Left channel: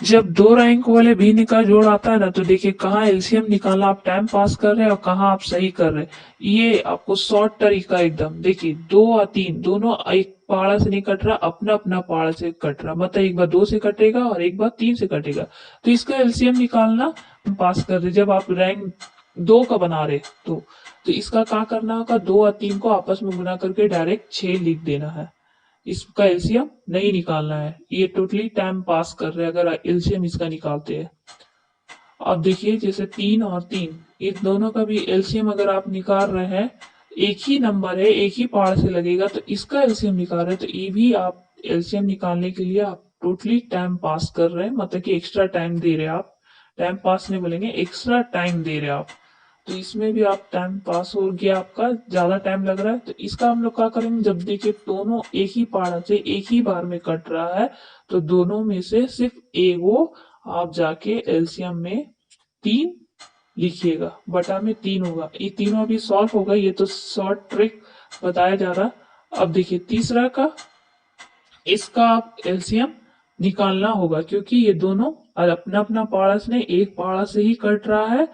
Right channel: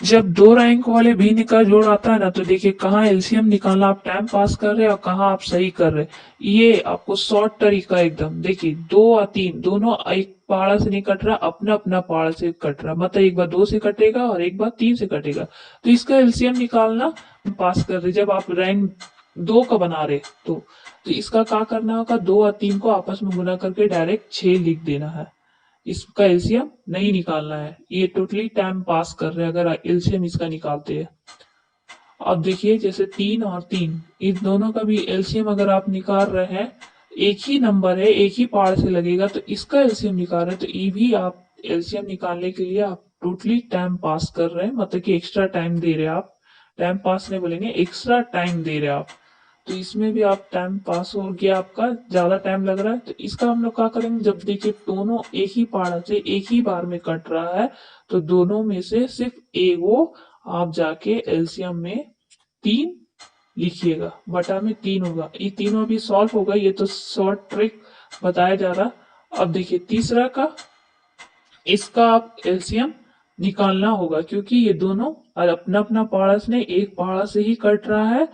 जब दो रैंक वाले भिन्न का जोड़ आता है ना, तो देखिए कहाँ एलसीएम निकालना आप टाइम पास कर रहे हैं और कहाँ आप सही कर रहे हैं। ये आपको शॉर्ट तरीका एकदम, देखिए दो और तीन दोनों एक पहाड़ा से नहीं कट रहा, अपना अपना पहाड़ से कट रहा, मतलब एक बार दो से कटेगा और एक बार तीन से कटेगा। तो इसका एलसीएम निकालना पास कर रहे जब आप रैंक दो का बना रहे तो इसका क्या करना होगा, दो और तीन को आपस में गुना करके डायरेक्ट 6 लिख देना है। इसका एलसीएम नहीं निकालना है, ये टोटली टाइम पास कर रहे हैं अगर एलसीएम इसका निकालते हैं। अब देखिए जैसे तीन और तीन, इन दोनों का भी एलसीएम अगर आप निकाल रहे हैं, एक ही नंबर है एक ही पहाड़ से लगेगा, तो इसका एलसीएम निकाल रहे हैं, तो ये भी आप एलसीएम निकालने के लिए आप टोटली टाइम पास कर रहे हैं, मतलब कि एक्स्ट्रा टाइम दे रहे हैं आप। टाइम पास नहीं बोलेंगे, एक्स्ट्रा टाइम दे रहे हैं आप। तो इसमें भी आप टाइम पास हो गया, आपका ज्यादा टाइम लग रहा है, तो इसका हम लोग क्या करेंगे, जब देखिए दोनों एक ही पहाड़ से एक ही बार में कट रहा है, तो दोनों में से सिर्फ एगो आप जाके एलसीएम में तीन लिखिएगा, बटा में तीन होगा, ये तीनों अभी सॉल्व होगा, ये तो शॉर्ट ट्रिक बताया जा रहा। अब देखिए तीसरा का, इसका आप एलसीएम निकालना होगा, क्योंकि ये दोनों अपना अपना पहाड़ा से एक पहाड़ा से ही कट रहा है,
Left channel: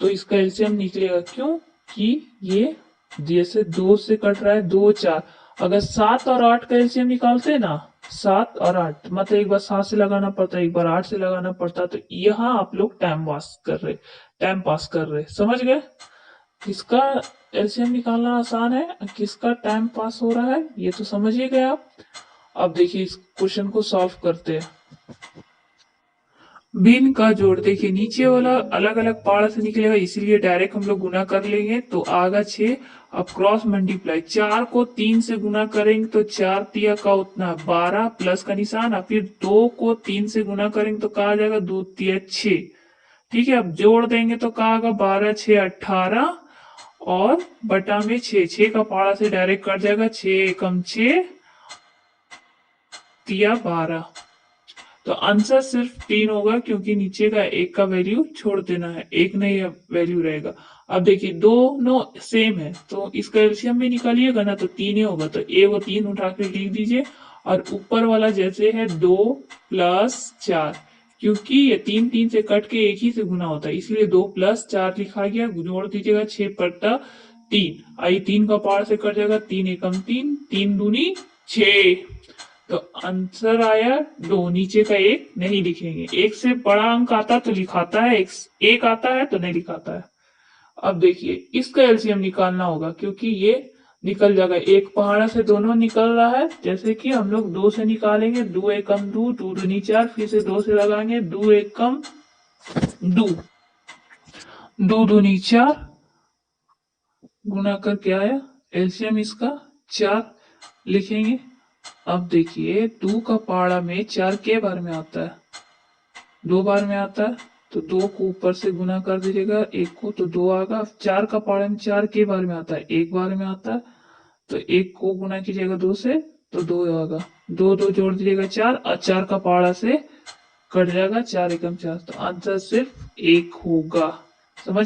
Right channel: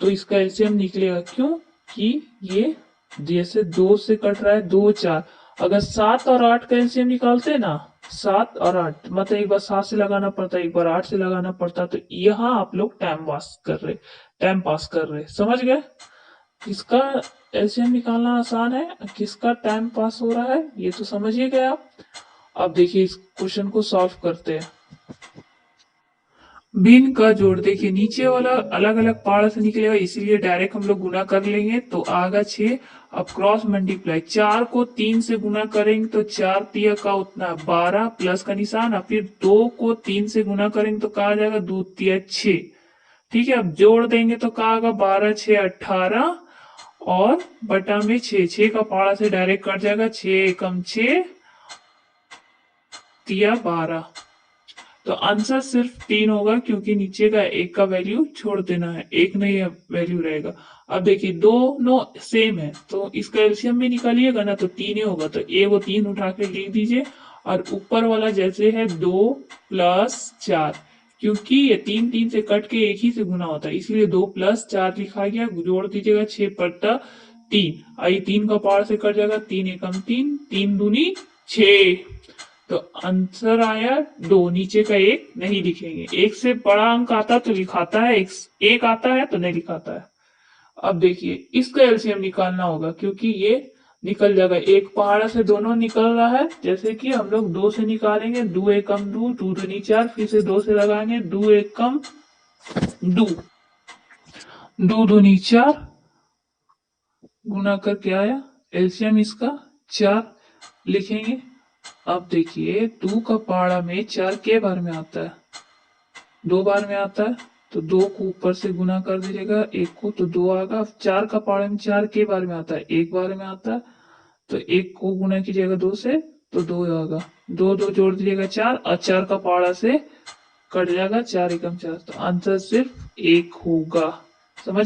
तो इसका एलसीएम निकलेगा। क्यों कि ये जैसे दो से कट रहा है, दो चार, अगर सात और आठ का एलसीएम निकालते हैं ना, सात और आठ मतलब एक बार सात से लगाना पड़ता है, एक बार आठ से लगाना पड़ता है, तो यहाँ आप लोग टाइम पास कर रहे, समझ गए। किसका एलसीएम निकालना आसान है, किसका टाइम पास हो रहा है, ये तो समझ ही गए आप। अब देखिए इस क्वेश्चन को सॉल्व करते हैं। बिन का जोड़, देखिए नीचे वाला अलग अलग पहाड़ से निकलेगा, इसीलिए डायरेक्ट हम लोग गुना कर लेंगे, तो आगा 6। अब क्रॉस मल्टीप्लाई, चार को तीन से गुना करेंगे तो चार तिया का उतना 12 प्लस का निशान, और फिर दो को तीन से गुना करेंगे तो कहा जाएगा दो तिया 6। ठीक है, अब जोड़ देंगे तो कहा होगा 12 6 18, और बटा में 6, 6 का पहाड़ा से डायरेक्ट कट जाएगा, 6 एकम 6 तिया 12। तो आंसर सिर्फ तीन होगा, क्योंकि नीचे का एक का वैल्यू छोड़ देना है, एक नहीं वैल्यू रहेगा। अब देखिए दोनों सेम है, तो इसका एलसीएम भी निकालिएगा ना, तो तीन ही होगा, तो ए वो तीन उठा के लिख दीजिए। और ऊपर वाला जैसे है दो प्लस चार, क्योंकि ये तीन तीन से कट के एक ही से गुना होता है, इसीलिए दो प्लस चार लिखा गया, जोड़ दीजिएगा 6 पट्टा तीन, आई तीन का पार से कट जाएगा, तीन एकम तीन, तीन दूनी 6। तो आंसर आया दो, नीचे का एक नहीं लिखेंगे, एक से बड़ा अंक आता तो लिखाता है, एक आता है तो नहीं लिखाता है। अब देखिए इसका एलसीएम निकालना होगा, क्योंकि ये निकल जाएगा, एक पहाड़ा से दोनों निकल रहा है, जैसे कि हम लोग दो से निकालेंगे, दो एकम दो, दो दूनी चार, फिर से दो से लगाएंगे, दो एकम दो, दो दूनी चार, गुना करके आया, एलसीएम इसका चार लिखेंगे। अब देखिए दो का पहाड़ा में चार के बार में आता है, दो बार में आता है, तो दो को ऊपर से गुना कर दीजिएगा, एक को तो दो आएगा, चार का पहाड़ा में चार के बार में आता है, एक बार में आता है, तो एक को गुना कीजिएगा दो से, तो दो आएगा, दो दो जोड़ दीजिएगा चार, और चार का पहाड़ा से कट जाएगा, चार एकम चार, तो आंसर सिर्फ एक होगा।